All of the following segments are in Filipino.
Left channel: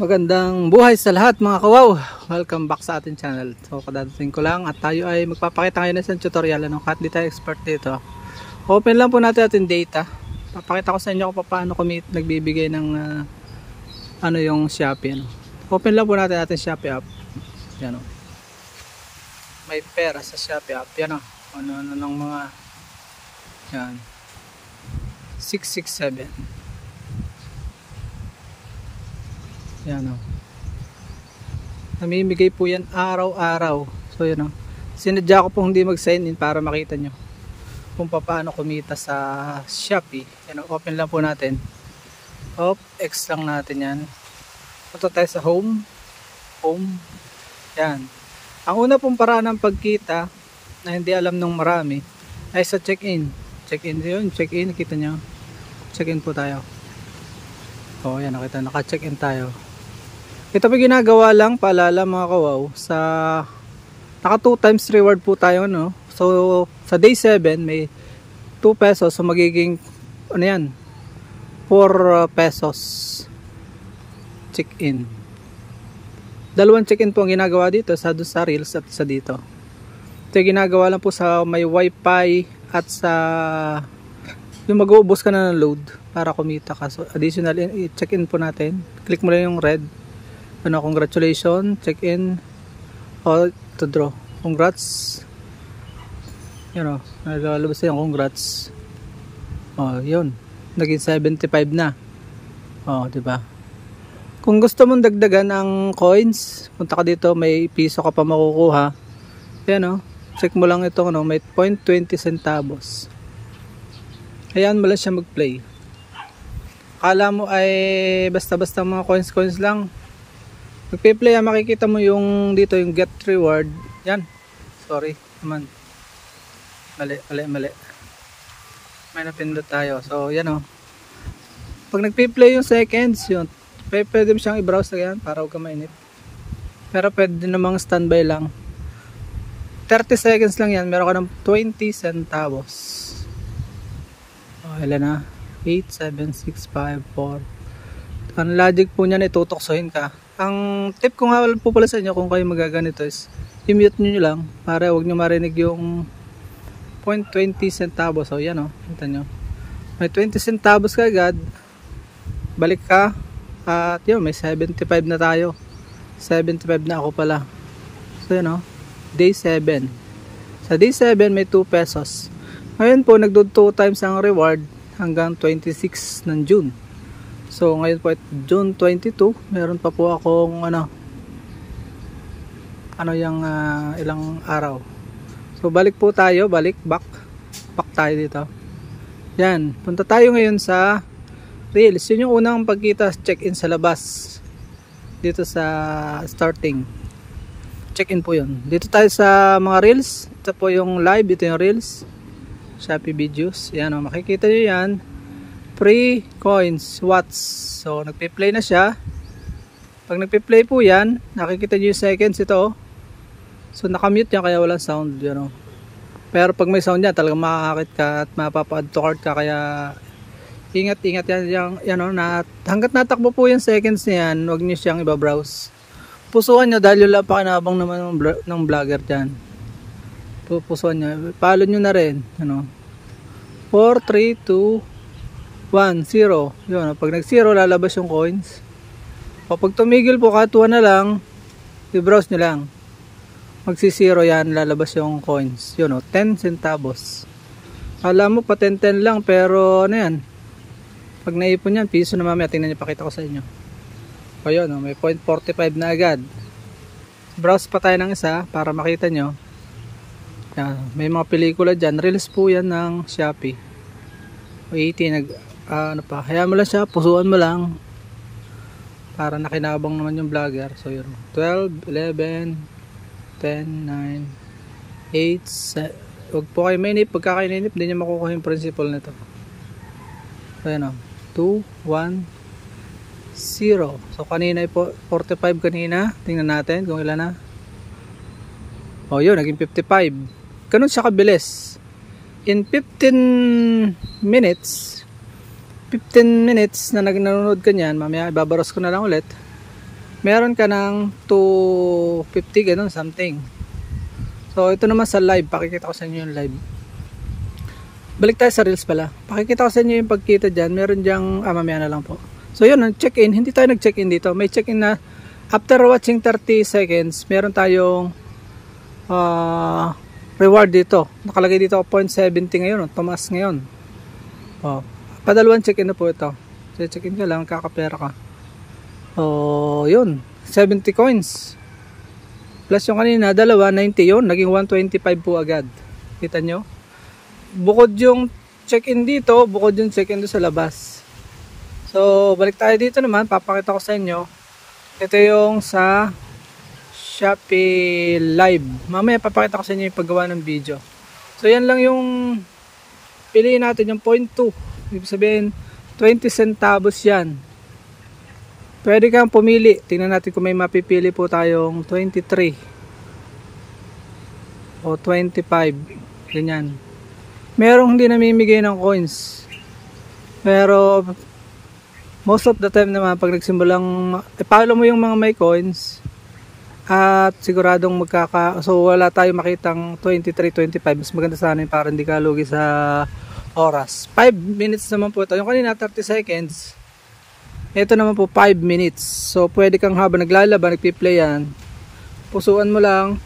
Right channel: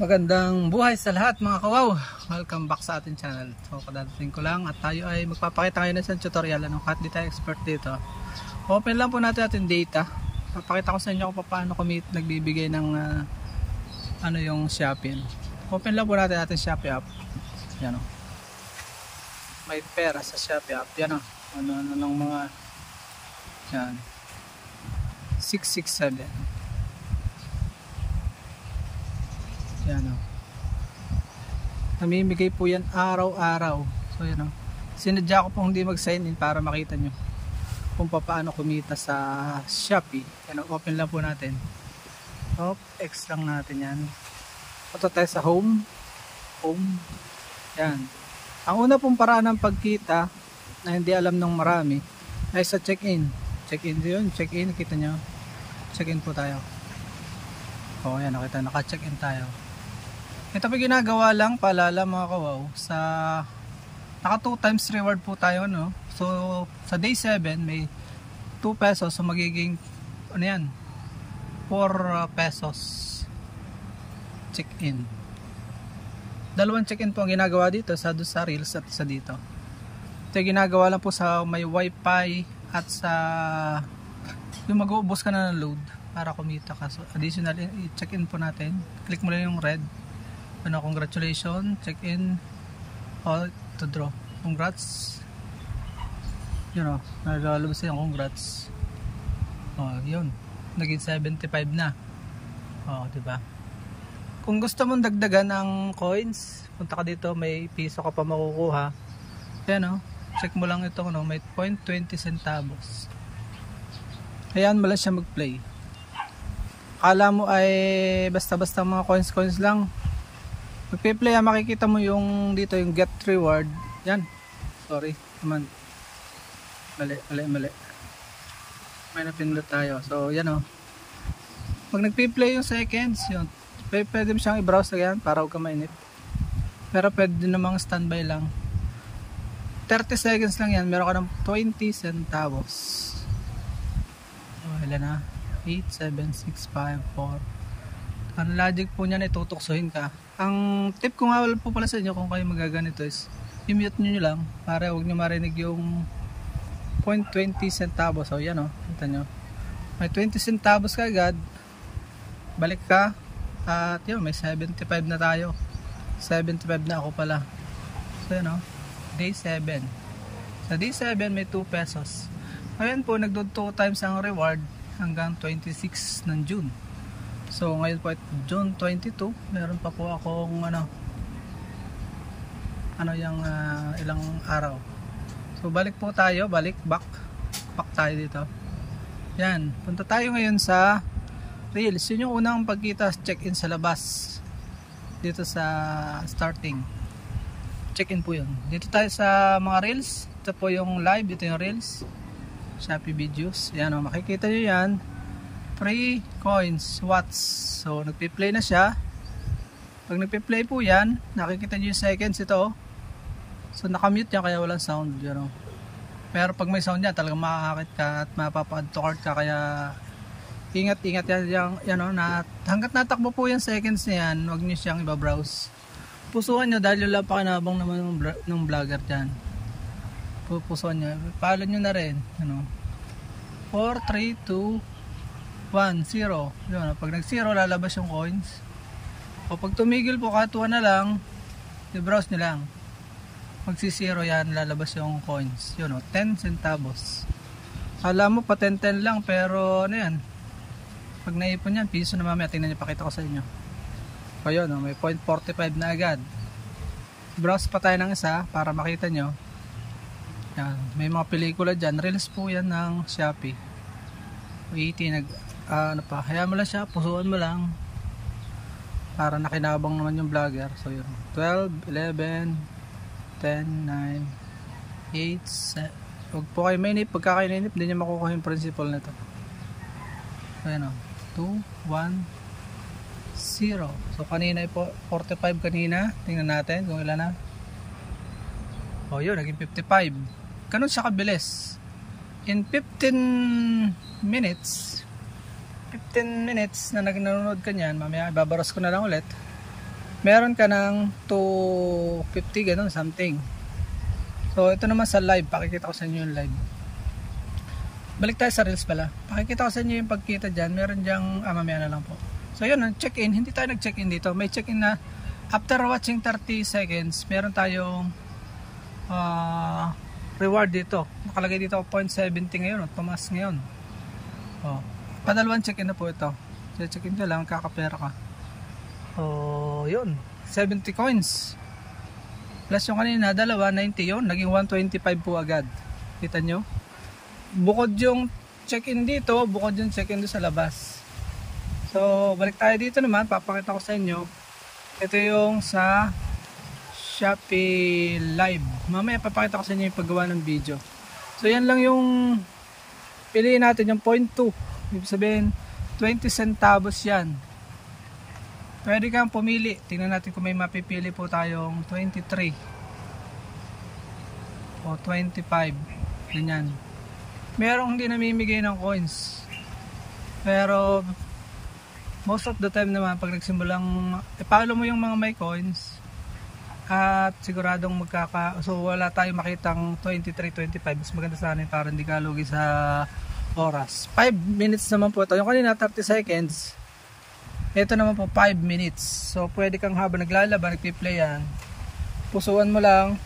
Magandang buhay sa lahat mga kawaw. Welcome back sa ating channel. So kadadating ko lang at tayo ay magpapakita ngayon ng isang tutorial. Kahit di tayo expert dito, open lang po natin ating data. Papakita ko sa inyo kung paano kami nagbibigay ng yung Shopee. Open lang po natin ating Shopee app. Yan o. May pera sa Shopee app. Yan o. Ano ng mga yan 667. Yan o. Namimigay po yan araw-araw. So yun o. Sinadya ko pong hindi mag-sign in para makita nyo kung paano kumita sa Shopee. Yan o. Open lang po natin. X lang natin yan. Punta tayo sa home. Yan. Ang una pong paraan ng pagkita na hindi alam ng marami ay sa check-in. Check-in yun. Check-in. Kita nyo. Check-in po tayo. O yan. Nakita. Naka-check-in tayo. Ito po ginagawa lang, paalala mga kawaw, sa naka 2 times reward po tayo, no? So sa day 7 may 2 pesos, so magiging ano yan, 4 pesos check in. Dalawang check in po ang ginagawa dito, sa Reels at isa dito. Ito ginagawa lang po sa may wifi at sa yung mag-uubos ka na ng load para kumita ka. So additional check in po natin, click mo lang yung red. Congratulations, check in, to draw. Congrats. Yun o, nalalabas yung congrats. Yun, naging 75 na. Diba? Kung gusto mong dagdagan ng coins, punta ka dito, may piso ka pa makukuha. Yan o, check mo lang ito, may 0.20 centavos. Ayan mo lang siya mag-play. Akala mo ay basta-basta mga coins lang. Magpe-play, makikita mo yung dito yung get reward. Yan. Sorry naman. Mali. May napindot tayo. So yan o. Pag nagpe-play yung seconds, yun. Pwede mo siyang i-browse na yan para huwag ka mainip. Pero pwede namang standby lang. 30 seconds lang yan. Meron ka ng 20 centavos. Ilan na? 8, 7, 6, 5, 4. Ang logic po niyan, itutoksohin ka. Ang tip ko nga po pala sa inyo kung kayo magaganito is i-mute nyo lang para wag nyo marinig yung 0.20 centavos. So yan o, kita nyo. May 20 centavos ka agad. Balik ka. At yun, may 75 na tayo. 75 na ako pala. So yan o, day 7. Sa day 7 may 2 pesos. Ngayon po, nagdo 2 times ang reward hanggang 26 ng June. So ngayon po at June 22, meron pa po akong yung ilang araw. So balik po tayo, back tayo dito. Yan, punta tayo ngayon sa Reels. Yun yung unang pagkita, check-in sa labas. Dito sa starting. Check-in po yun. Dito tayo sa mga Reels. Ito po yung live, ito yung Reels. Shopee videos. Yan o, makikita nyo yan. Free coins, watts. So nagpe-play na siya. Pag nagpe-play po yan, nakikita nyo yung seconds ito. So nakamute yan kaya walang sound, Pero pag may sound yan, talagang makakakit ka at mapapa-add to cart ka. Kaya ingat yan, hanggat natakbo po yung seconds niyan, huwag nyo siyang iba-browse. Pusuan nyo dahil yung lapakinabang naman ng vlogger dyan. Pusuan nyo, follow nyo na rin. 4, 3, 2 1, 0. Yun, pag nag-0 lalabas yung coins. O pag tumigil po katuwa na lang, i-browse nyo lang. Magsi-0 yan, lalabas yung coins. Yun o, 10 centavos. Alam mo pa 10 lang, pero ano yan, pag naipon yan, piso na mamaya. Tingnan nyo, pakita ko sa inyo. O yun o, may 0.45 na agad. Browse pa tayo ng isa para makita nyo. Yan, may mga pelikula dyan. Reels po yan ng Shopee. 80 hayaan mo lang siya, pusuan mo lang para nakinabang naman yung vlogger. So yun, 12, 11, 10, 9, 8, huwag po kayo mainip. Pagka kayo nainip, hindi nyo makukuha yung principle nito. So yun o, 2, 1, 0. So kanina po 45 kanina. Tingnan natin kung ilan na. O yun, naging 55. Ganun siya kabilis. In 15 minutes na nanonood ka niyan, mamaya ibabaros ko na lang ulit. meron ka ng 250 ganun something. So ito naman sa live, pakikita ko sa inyo yung live. Balik tayo sa reels pala. Pakikita ko sa inyo yung pagkita dyan. Meron dyang, mamaya na lang po. So yun, check-in. Hindi tayo nag-check-in dito. May check-in na after watching 30 seconds, meron tayong reward dito. Nakalagay dito 0.70 ngayon. Tumaas ngayon. Padalawang check-in na po ito. So check-in ka lang, kakapera ka. So yun, 70 coins. Plus yung kanina, dalawa, 90 yun. Naging 125 po agad. Kita nyo? Bukod yung check-in dito, bukod yung check-in doon sa labas. So, balik tayo dito naman, papakita ko sa inyo. Ito yung sa Shopee Live. Mamaya papakita ko sa inyo yung paggawa ng video. So, yan lang yung piliin natin, yung 0.2. Ibig sabihin, 20 centavos yan. Pwede kang pumili. Tingnan natin kung may mapipili po tayong 23 o 25. Ganyan. Merong hindi namimigay ng coins. Pero most of the time naman pag nagsimulang follow mo yung mga may coins at siguradong so wala tayong makitang 23, 25. Mas maganda sana para hindi ka lugi sa oras. 5 minutes naman po ito. Yung kanina 30 seconds. Ito naman po 5 minutes. So pwede kang habang naglalaba, nagpi-play yan. Pusuan mo lang.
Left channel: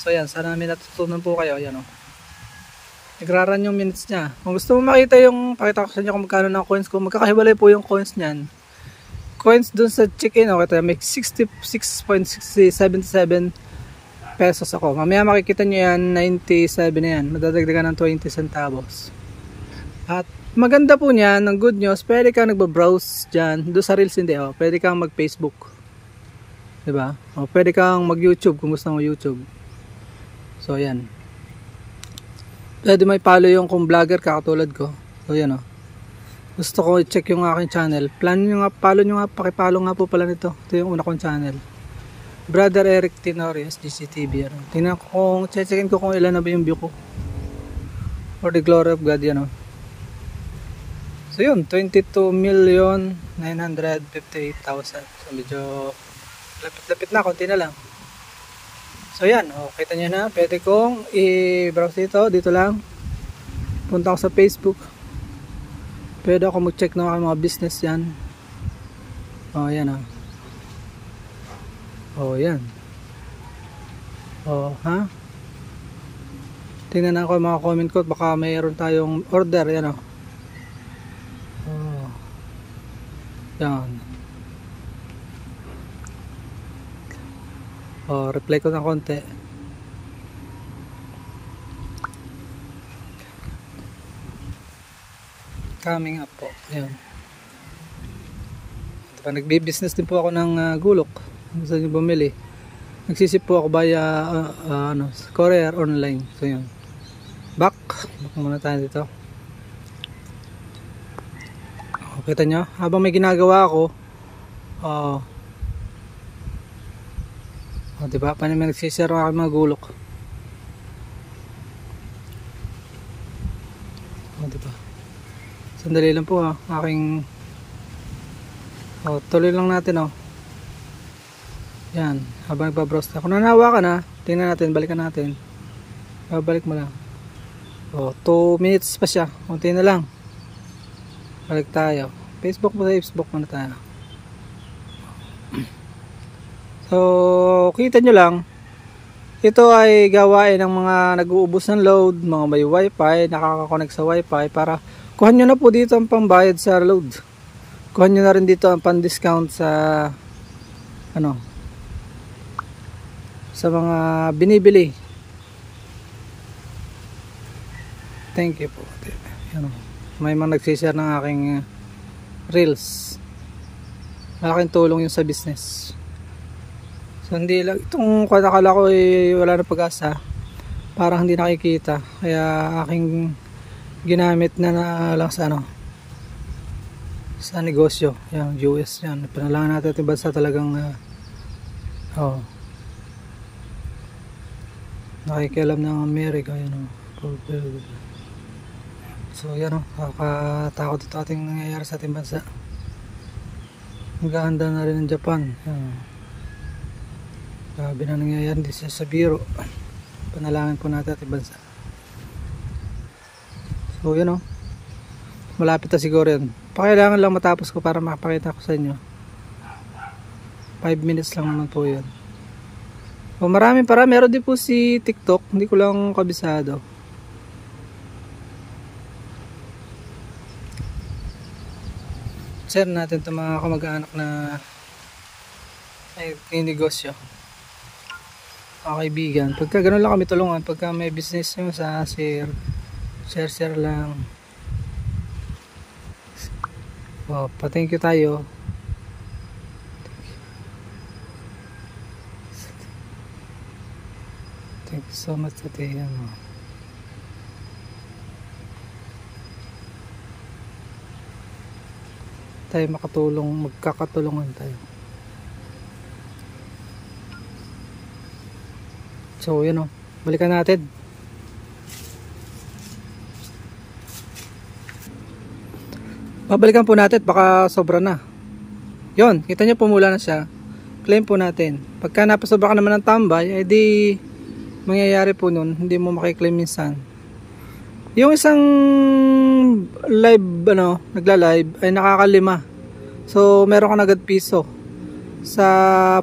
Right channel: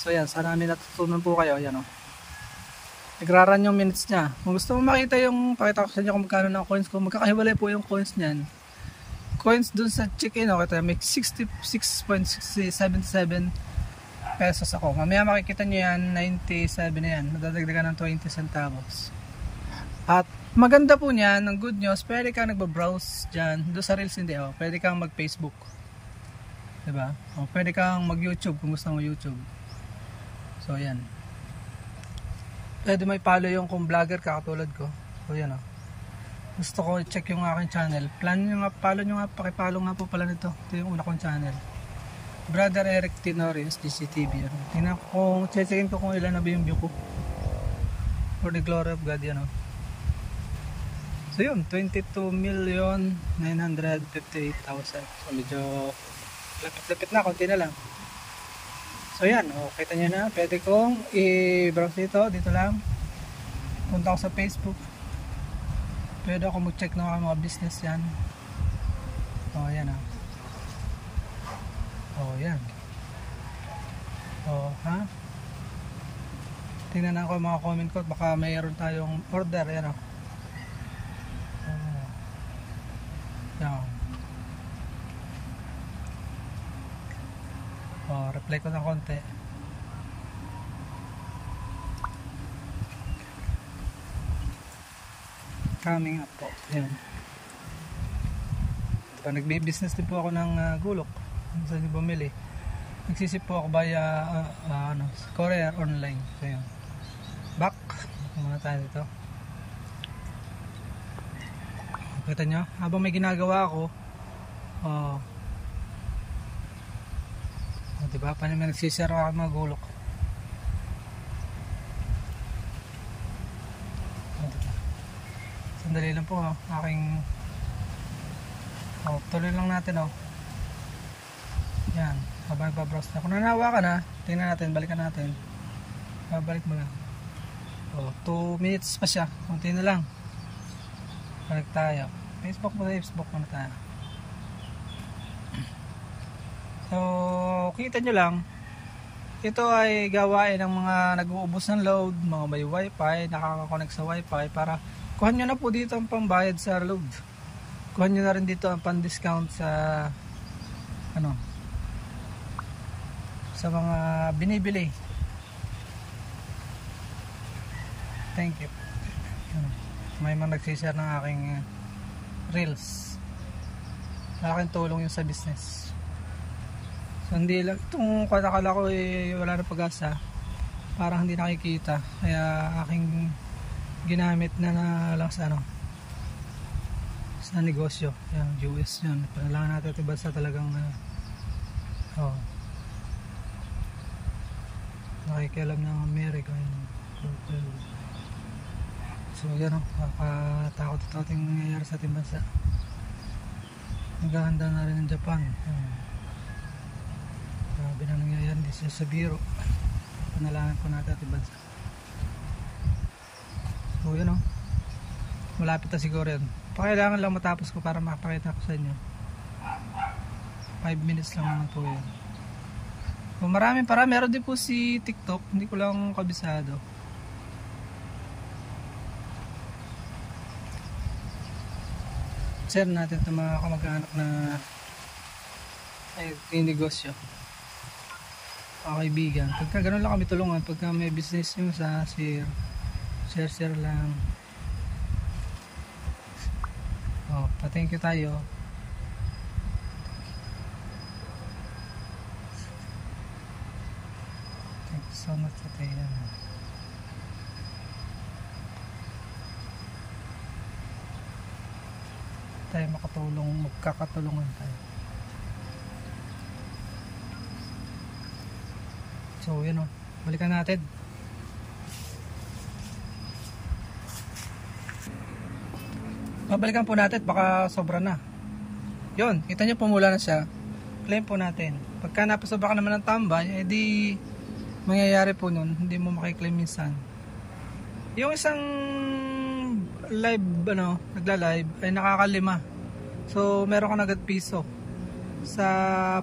So yan, sana may natutunan po kayo. Yan o. Nagraran yung minutes niya. Kung gusto mo makita yung, pakita ko sa inyo kung magkano ng coins ko. Magkakahiwalay po yung coins niyan. Coins dun sa check-in, okay, may 66.77 pesos ako. Mamaya makikita nyo yan, 97 na yan. Madadagdagan ng 20 centavos. At maganda po niyan, ang good news, pwede kang nagbabrowse dyan. Doon sa Reels hindi, pwede kang mag-Facebook. Diba? Pwede kang mag-YouTube kung gusto mo YouTube. So yan. Pwede may follow yung kung vlogger ka katulad ko. So yan Gusto ko i-check yung aking channel. Plan nyo nga, follow nyo nga, pakipollow nga po pala nito. Ito yung una kong channel. Brother Eric Tenorio, SDCTV. Tingnan ko kung, checkin ko kung ilan na ba yung view ko. For the glory of God, yan So yun, 22,958,000. So medyo lapit-lapit na, konti na lang. So yan, kita nyo na, pwede kong i-browse dito lang. Punta ako sa Facebook. Pwede ako mag-check ng mga business yan. Yan yan. Tingnan ako yung mga comment ko, baka mayroon tayong order, yan yan. Reply ko ng konti. Coming up po. Ayan. Diba, nagbi-business din po ako ng gulok. Gusto nyo bumili. Nagsisip po ako via courier online. So yun. Back muna tayo dito. Kita nyo? Habang may ginagawa ako, diba? Paano may nagsishare ang aking mga gulok. Diba? Sandali lang po aking tuloy lang natin yan, habang nagbabrowse na. Kung nanawa ka na, tingnan natin, balikan natin. Babalik mo lang. 2 minutes pa siya, konti na lang. Balik tayo. Facebook muna tayo. So, kita nyo lang, ito ay gawain ng mga nag-uubos ng load, mga may wifi, nakaka-connect sa wifi, para kuhan nyo na po dito ang pambayad sa load. Kuhan nyo na rin dito ang pan-discount sa sa mga binibili. Thank you po. May mga nagsishare ng aking reels. Malaking tulong yun sa business. So hindi lang, itong akala ko wala na pag-asa, parang hindi nakikita, kaya aking ginamit na lang sa sa negosyo, yung US yan. Panalangan natin itong bansa talagang nakikialam ng Amerika yun. So yan nakakatakot ito ating nangyayari sa ating bansa. Naghahanda na rin ng Japan. Grabe na nangyayari dito sa biro. Panalangin po natin at bansa. So yun o. Malapit na siguro yun. Pakailangan lang matapos ko para makapakita ko sa inyo. 5 minutes lang naman po yun. So maraming para. Meron din po si TikTok. Hindi ko lang kabisado. Share natin itong mga kamag-anak na ay negosyo. Mga kaibigan. Pagka ganun lang kami tulungan. Pagka may business nyo sa share lang. So, pa-thank you tayo. Thank you so much today. Tayo makatulong, magkakatulungan tayo. So yun o, balikan natin. Babalikan po natin, baka sobra na. Yun, kita nyo pumula na siya. Claim po natin. Pagka napasobra ka naman ng tambay, edi mangyayari po nun, hindi mo makiklaim minsan. Yung isang live, nagla-live ay nakakalima. So, meron ka agad piso. Sa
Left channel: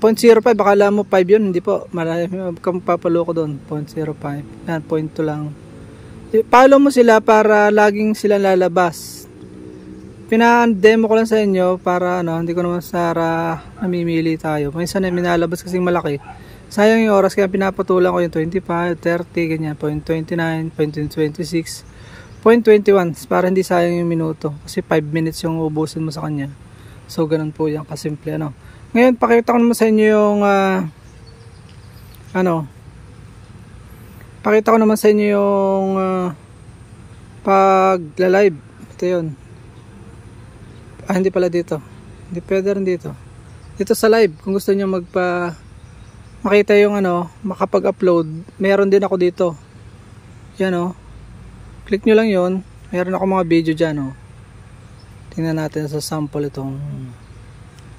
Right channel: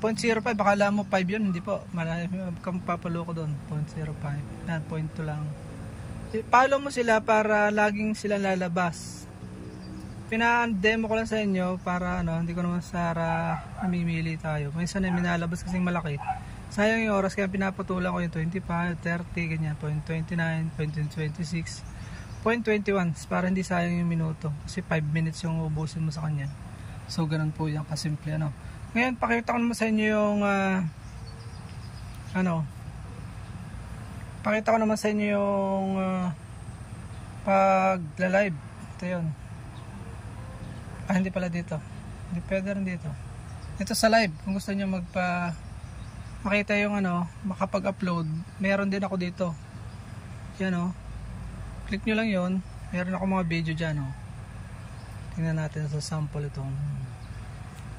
0.05, akala mo 5 yun. Hindi po. Malayo kang papalo ko doon. 0.05. Yan, 0.2 lang. Follow mo sila para laging sila lalabas. Pina-demo ko lang sa inyo para hindi ko naman namimili tayo. Minsan ay minalabas kasing malaki. Sayang yung oras kaya pinapatulan ko yung 25, 30, ganyan, 0.29, 0.26, 0.21 para hindi sayang yung minuto. Kasi 5 minutes yung ubusin mo sa kanya. So ganun po yan kasimple. Ngayon pakita ko naman sa inyo yung pakita ko naman sa inyo yung pag-live. Ito yun. Hindi pala dito. Hindi pwede rin dito. Dito sa live kung gusto niyo makita yung makapag-upload, meron din ako dito. Yan click nyo lang yon. Meron ako mga video dyan tingnan natin sa sample itong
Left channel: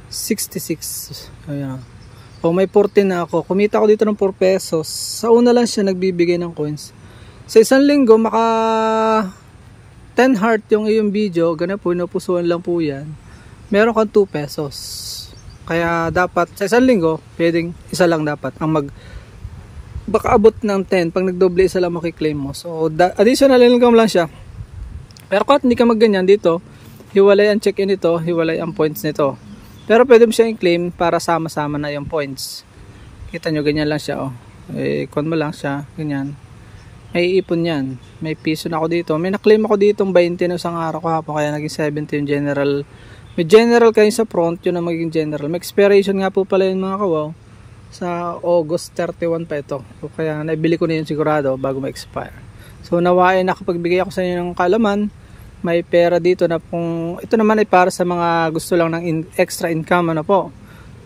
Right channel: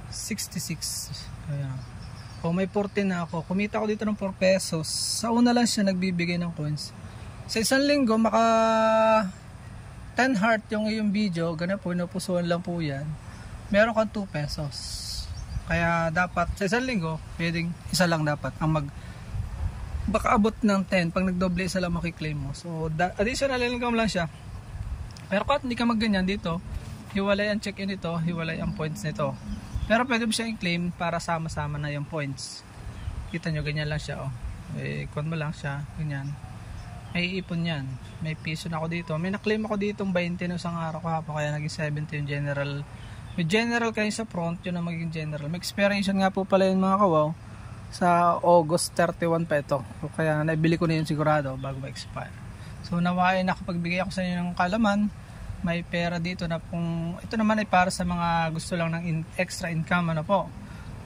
66. Ayan. May 14 na ako. Kumita ako dito ng 4 pesos. Sa una lang siya nagbibigay ng coins. Sa isang linggo maka 10 heart yung iyong video. Ganun po, napusuan lang po yan. Meron kang 2 pesos. Kaya dapat sa isang linggo, pwedeng isa lang dapat ang baka abot ng 10. Pag nagdoble, isa lang makiklaim mo. So additional income lang siya. Pero kahit hindi ka magganyan dito, hiwalay ang check-in nito, hiwalay ang points nito. Pero pwede mo siya i-claim para sama-sama na yung points. Kita nyo, ganyan lang siya ikon mo lang siya, ganyan. May ipon yan. May piso na ako dito. May na-claim ako dito 20 na isang araw kahapon, kaya naging 70 yung general. May general kayo sa front, yun ang magiging general. May expiration nga po pala yun mga kawaw. Sa August 31 pa ito. So, kaya naibili ko na yun sigurado bago ma-expire. So nawain nakapagbigay ako sa inyo ng kalaman. May pera dito na ito naman ay para sa mga gusto lang ng extra income po.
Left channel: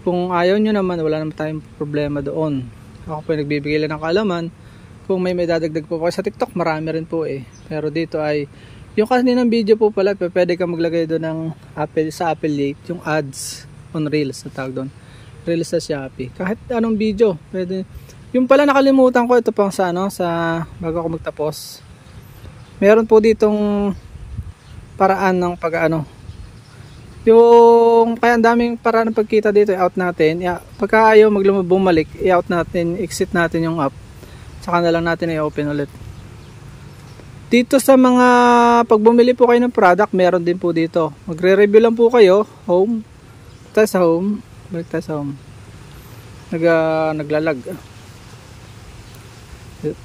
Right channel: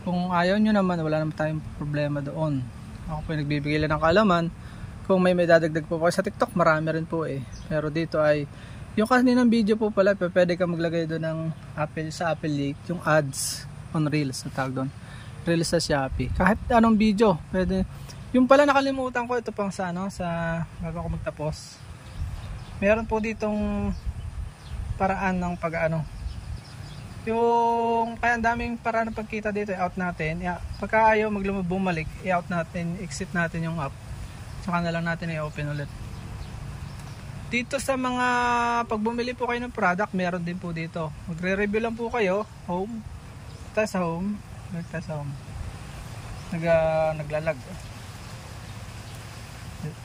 Kung ayaw nyo naman, wala naman tayong problema doon. Ako po nagbibigay lang ng kalaman. Kung may dadagdag po sa TikTok, marami rin po Pero dito ay yung kaninang video po pala, pwede ka maglagay doon ng sa affiliate, yung ads on Reels na tawag doon. Reels sa Shopee. Kahit anong video, pwede. Yung pala nakalimutan ko, ito pang sa bago ako magtapos. Meron po ditong paraan ng yung kaya ang daming paraan ng pagkita dito, i-out natin. Pagka ayaw bumalik, i-out natin, exit natin yung app. Saka na lang natin i-open ulit. Dito sa mga pag bumili po kayo ng product, meron din po dito. Magre-review lang po kayo. Home. Tayo sa home. Balik tayo sa home. Naglalag.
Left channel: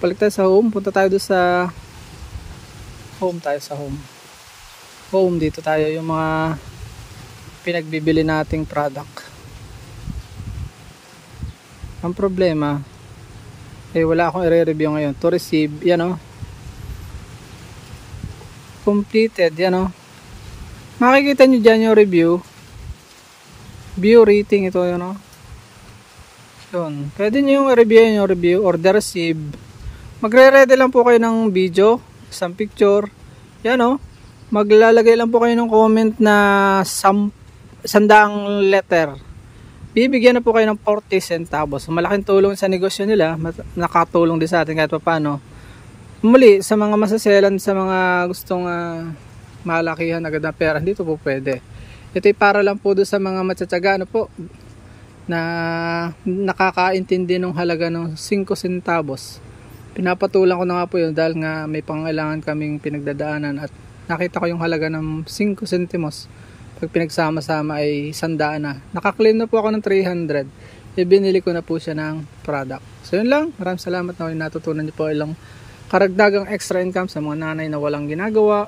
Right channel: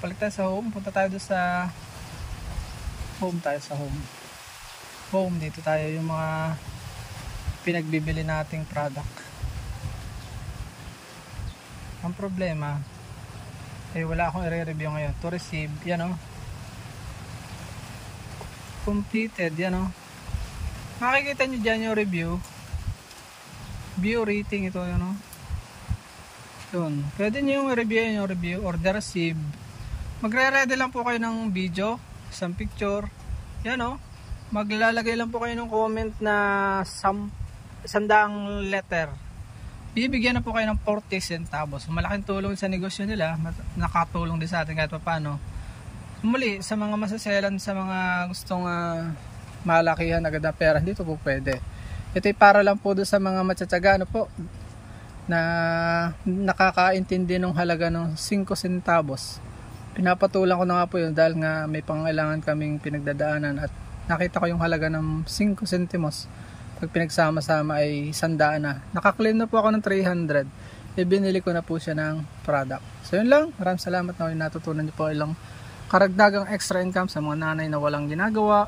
Balik tayo sa home. Punta tayo doon sa home. Tayo sa home. Home. Dito tayo yung mga pinagbibili nating product. Ang problema wala akong i-review ngayon. To receive, yan completed, yan makikita nyo dyan yung review, view rating, ito yun pwede nyo yung review, order receive. Magre-ready lang po kayo ng video, isang picture, yan maglalagay lang po kayo ng comment na 100 letter, bibigyan na po kayo ng 40 centavos. Malaking tulong sa negosyo nila, nakatulong din sa atin kahit paano. Muli, sa mga masaselan, sa mga gustong malakihan agad na pera, dito po pwede. Ito ay para lang po doon sa mga matsatsaga po, na nakakaintindi ng halaga ng 5 centavos. Pinapatulang ko na nga po yun dahil nga may pangailangan kaming pinagdadaanan at nakita ko yung halaga ng 5 centimos. Pag pinagsama-sama ay 100 na. Nakaklaim na po ako ng 300. Ibinili ko na po siya ng product. So yun lang. Maraming salamat na natutunan niyo po ilang karagdagang extra income sa mga nanay na walang ginagawa,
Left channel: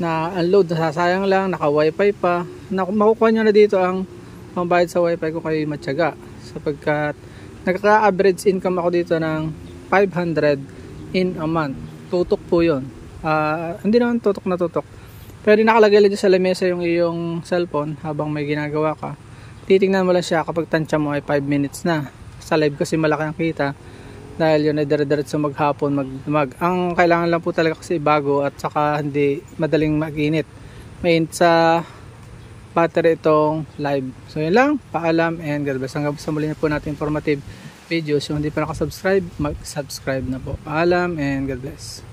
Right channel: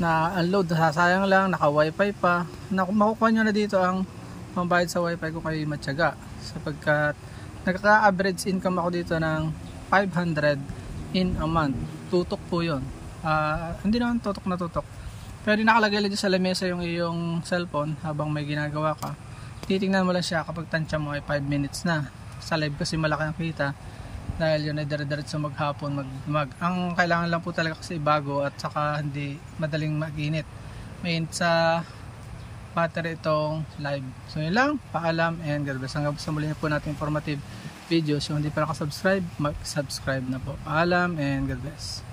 na unload, nasasayang lang, naka wifi pa. Makukuha nyo na dito ang pambayad sa wifi kung kayo matyaga. Sapagkat nagka-average income ako dito ng 500 in a month. Tutok po yun. Hindi naman tutok na tutok. Pero nakalagay lang sa lamesa yung iyong cellphone habang may ginagawa ka. Titingnan mo lang siya kapag tansya mo ay 5 minutes na. Sa live kasi malaki ang kita. Dahil yun ay dire-diretso maghapon, magdamag. Ang kailangan lang po talaga kasi bago at saka hindi madaling mag-init. Mainit sa battery itong live. So yun lang. Paalam and God bless. Hanggang sa muli na po natin informative videos. Yung hindi pa nakasubscribe, mag-subscribe na po. Paalam and God bless.